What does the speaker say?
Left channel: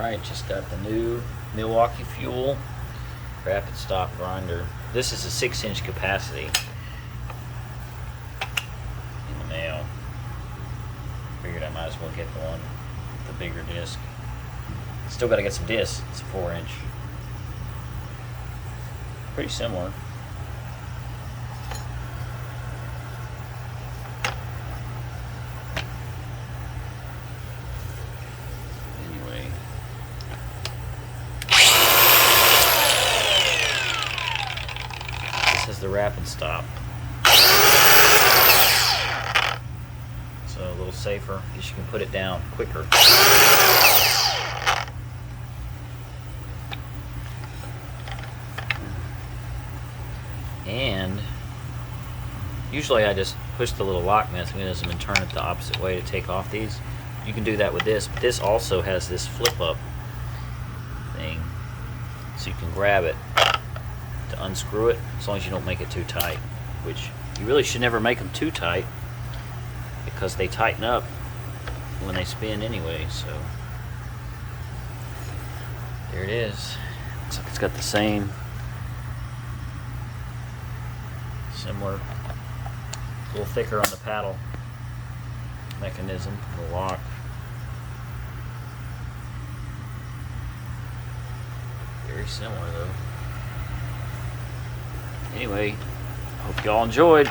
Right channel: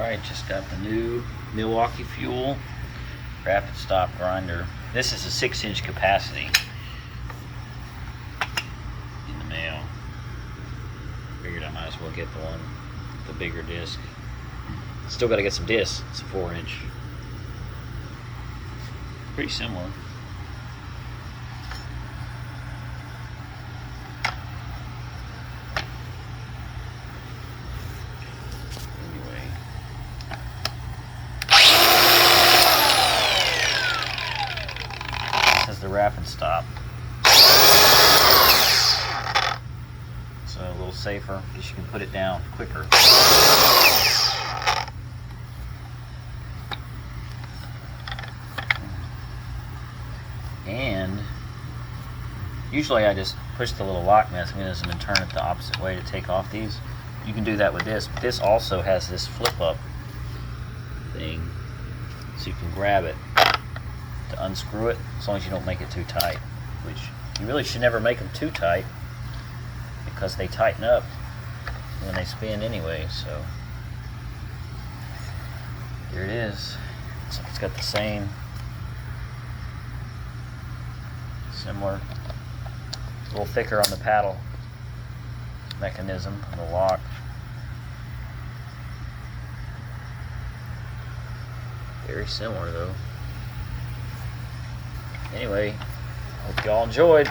Alright, just got the new Milwaukee Fuel rapid stop grinder. This is a 6-inch capacity in the mail. Figured I might as well get the one with the bigger disc. Still got to get some discs. It's a 4-inch. Pretty similar. Anyway. This has the rapid stop. So a little safer because you can put it down quicker. And usually I just push the little lock mechanism and turn it the opposite way to take off these. You can do that with this, but this also has this flip up thing, so you can grab it to unscrew it, as long as you don't make it too tight, which you really should never make them too tight because they tighten up when they spin anyway. So there it is. Looks like it's got the same similar, a little thicker on the paddle mechanism, the lock. Very similar though. Anyway, hope y'all enjoyed.